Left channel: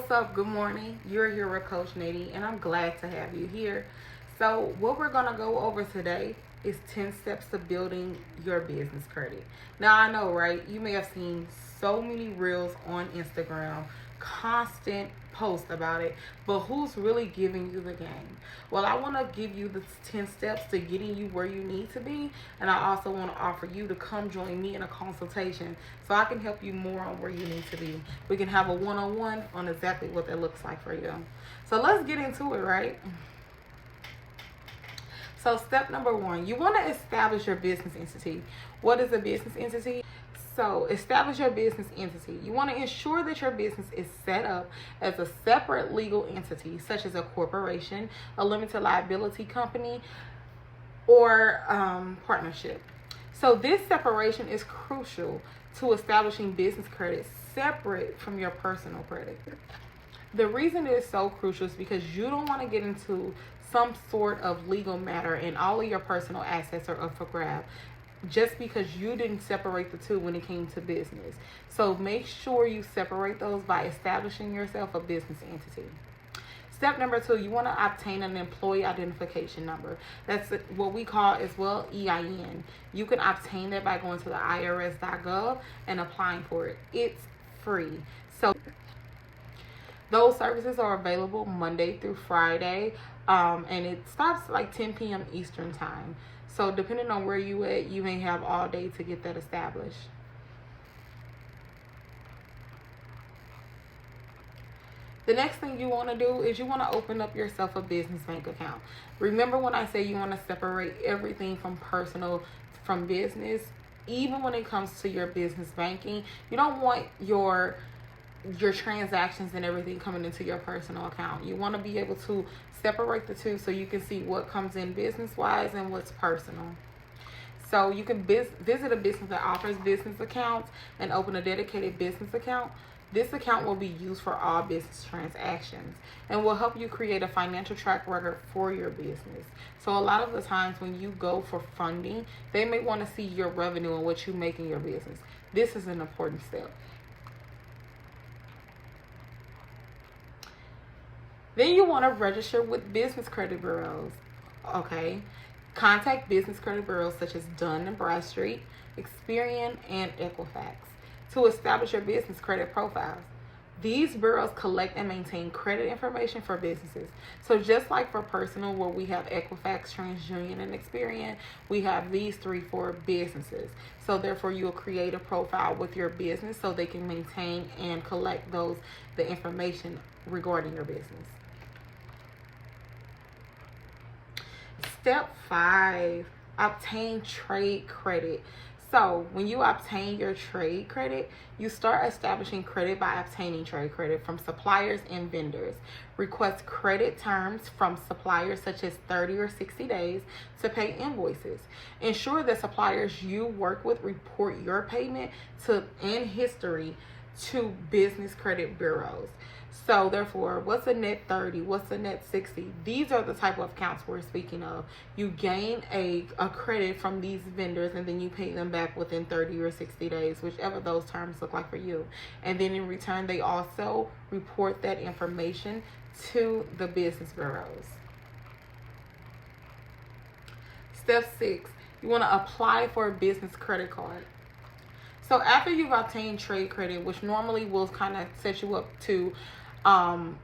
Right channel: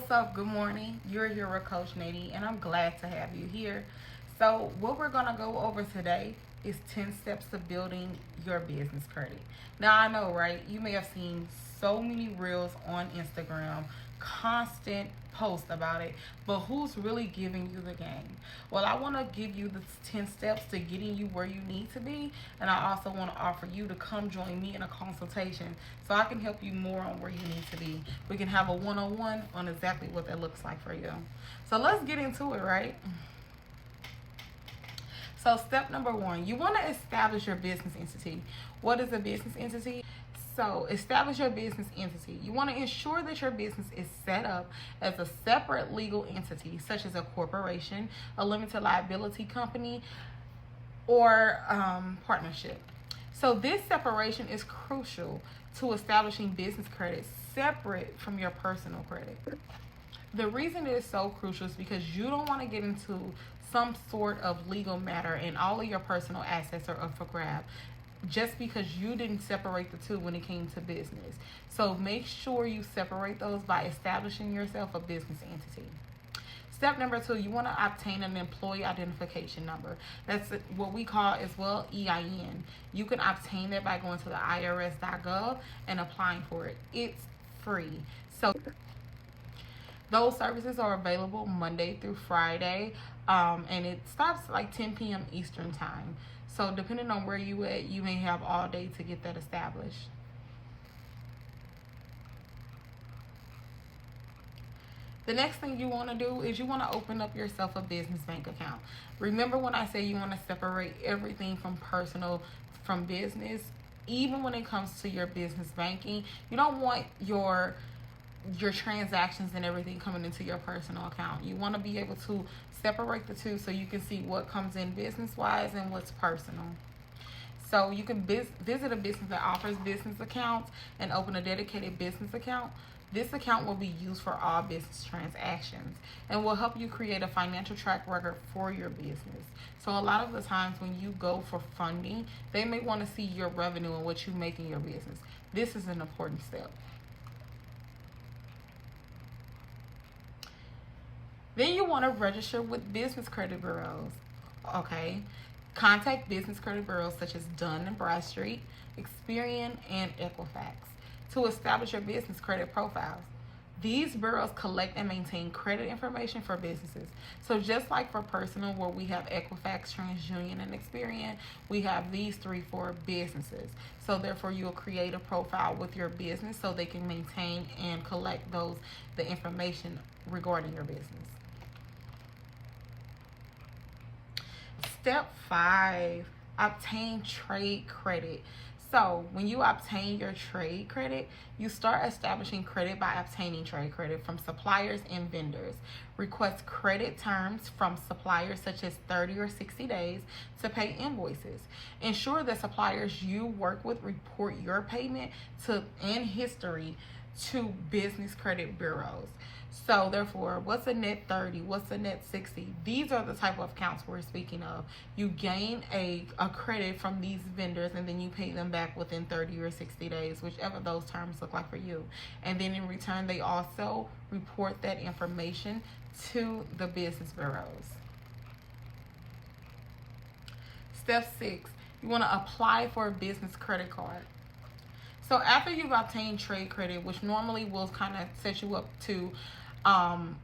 what's up? Good morning. You're here with Coach Nadie, and I'm glad to have you here. So, what we're going to go over today is 10 steps to building your business credit. Now, I know, right? You may have seen so many reels on Instagram, constant posts about it, but who's really giving you the game? Well, I want to give you the 10 steps to getting you where you need to be, and I also want to offer you to come join me in a consultation so I can help you more on where you need to be. We can have a one-on-one on exactly what that looks like for you. So let's get into it, right? So step number one, you want to establish your business entity. What is a business entity? So establish your business entity. You want to ensure that your business is set up as a separate legal entity, such as a corporation, a limited liability company, or partnership. So this separation is crucial to establishing business credit separate from your personal credit. The reason it is so crucial is because you don't want to get into some sort of legal matter and all of your personal assets are up for grab just because you didn't separate the two when it came to business. So make sure you separate those by establishing yourself a business entity. Step number two, you want to obtain an employee identification number. That's what we call as well EIN. You can obtain that by going to the irs.gov and applying for it. It's free. So those services are available Monday through Friday, and it stops like 10 p.m. Eastern time. So depending on where you at, you may have all day to get that established. The next thing you want to do is you want to open up yourself a business bank account. Remember when I say you want to separate everything from personal from business, even when it comes to your business banking, you don't want your transactions and everything coming into your personal account. You want to be able to separate the two so you can see what comes in business wise and what's personal. So you can visit a business that offers business accounts and open a dedicated business account. This account will be used for all business transactions and will help you create a financial track record for your business. So a lot of the times when you go for funding, they may want to see your revenue and what you make in your business. This is an important step. Then you want to register with business credit bureaus. Okay. Contact business credit bureaus such as Dun & Bradstreet, Experian, and Equifax to establish your business credit profiles. These bureaus collect and maintain credit information for businesses. So just like for personal, where we have Equifax, TransUnion, and Experian, we have these three for businesses. So therefore, you'll create a profile with your business so they can maintain and collect the information regarding your business. Step 5, obtain trade credit. So when you obtain your trade credit, you start establishing credit by obtaining trade credit from suppliers and vendors. Request credit terms from suppliers such as 30 or 60 days to pay invoices. Ensure that suppliers you work with report your payment and history to business credit bureaus. So therefore, what's a net 30? What's a net 60? These are the type of accounts we're speaking of. You gain a credit from these vendors and then you pay them back within 30 or 60 days, whichever those terms look like for you. And then in return, they also report that information to the business bureaus. Step 6, you want to apply for a business credit card. So after you've obtained trade credit, which normally will kind of set you up to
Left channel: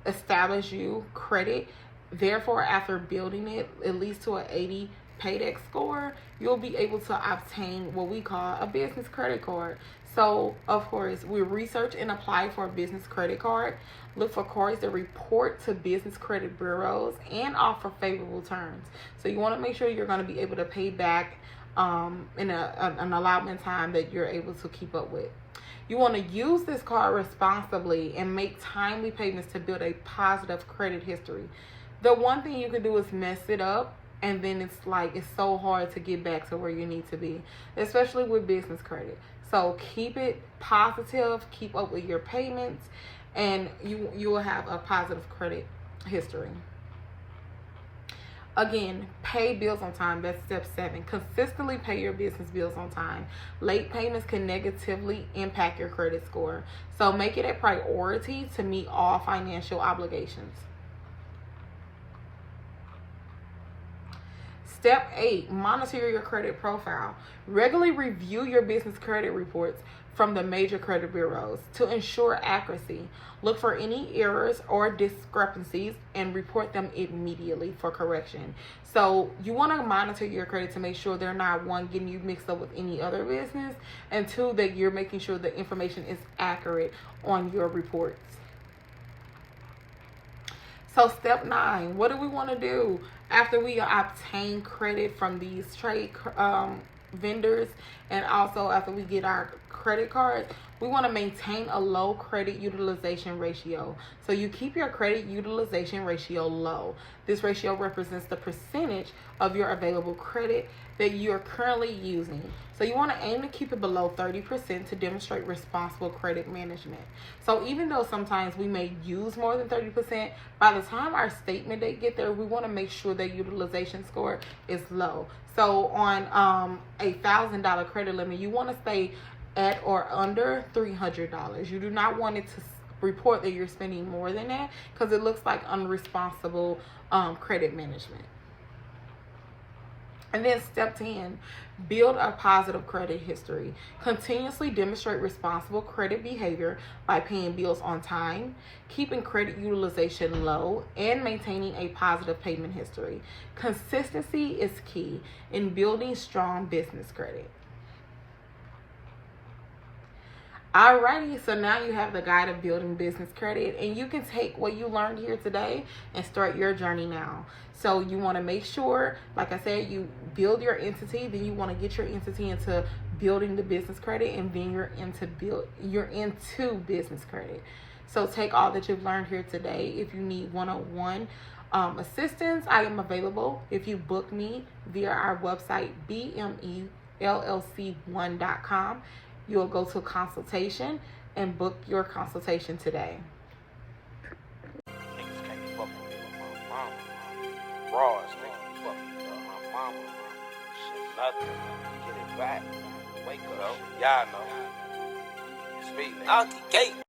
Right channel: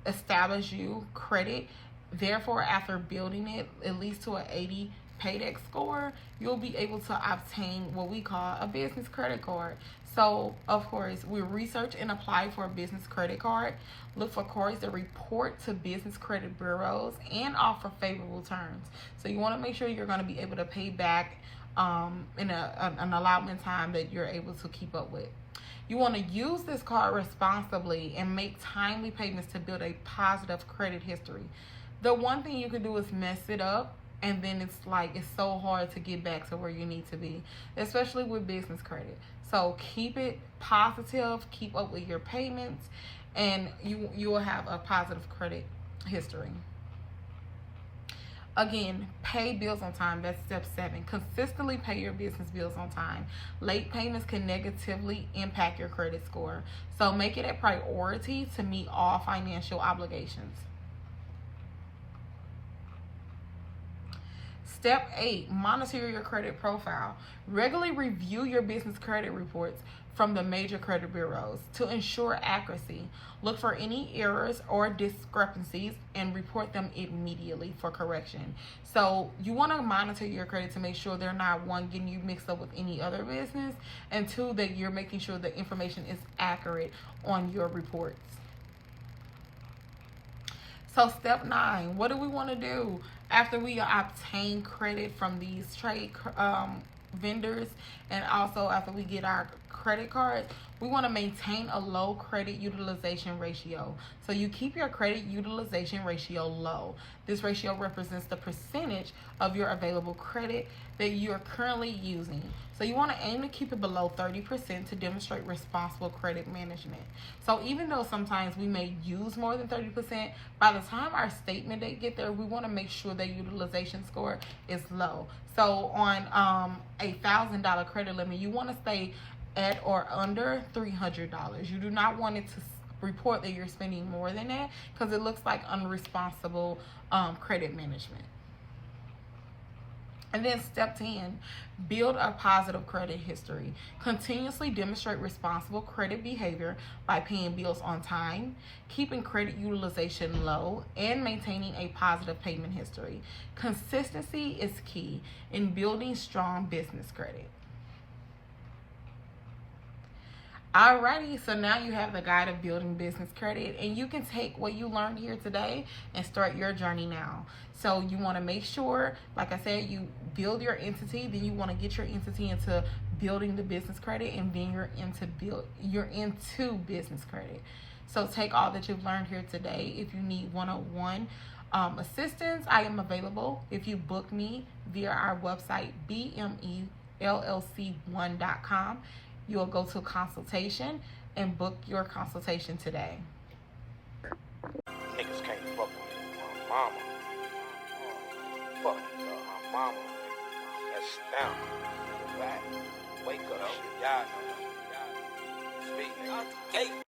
establish you credit, therefore after building it at least to an 80 paydex score, you'll be able to obtain what we call a business credit card. So of course, we research and apply for a business credit card. Look for cards that report to business credit bureaus and offer favorable terms. So you want to make sure you're going to be able to pay back in an allotment time that you're able to keep up with. You want to use this card responsibly and make timely payments to build a positive credit history. The one thing you can do is mess it up, and then it's so hard to get back to where you need to be, especially with business credit. So keep it positive, keep up with your payments, and you will have a positive credit history. Again, pay bills on time. That's step 7. Consistently pay your business bills on time. Late payments can negatively impact your credit score. So make it a priority to meet all financial obligations. Step 8, monitor your credit profile. Regularly review your business credit reports from the major credit bureaus to ensure accuracy. Look for any errors or discrepancies and report them immediately for correction. So you want to monitor your credit to make sure they're not, one, getting you mixed up with any other business, and two, that you're making sure the information is accurate on your reports. So step 9, what do we want to do after we obtain credit from these trade vendors, and also after we get our credit card? We want to maintain a low credit utilization ratio. So you keep your credit utilization ratio low. This ratio represents the percentage of your available credit that you're currently using. So you want to aim to keep it below 30% to demonstrate responsible credit management. So even though sometimes we may use more than 30%, by the time our statement date get there, we want to make sure that utilization score is low. So on a $1,000 credit limit, you want to stay at or under $300. You do not want it to report that you're spending more than that, because it looks like unresponsible credit management. And then step 10, build a positive credit history. Continuously demonstrate responsible credit behavior by paying bills on time, keeping credit utilization low, and maintaining a positive payment history. Consistency is key in building strong business credit. Alrighty, so now you have the guide of building business credit, and you can take what you learned here today and start your journey now. So you want to make sure, like I said, you build your entity, then you want to get your entity into building the business credit, and then you're into business credit. So take all that you've learned here today. If you need one-on-one assistance, I am available. If you book me via our website, bmellc1.com, you'll go to a consultation and book your consultation today. Niggas can't fuck with me. My mama. Raws, nigga. Fuck. My mama. Shut down. Get it back. Wake up. Y'all know. Speak, nigga. Out the gate.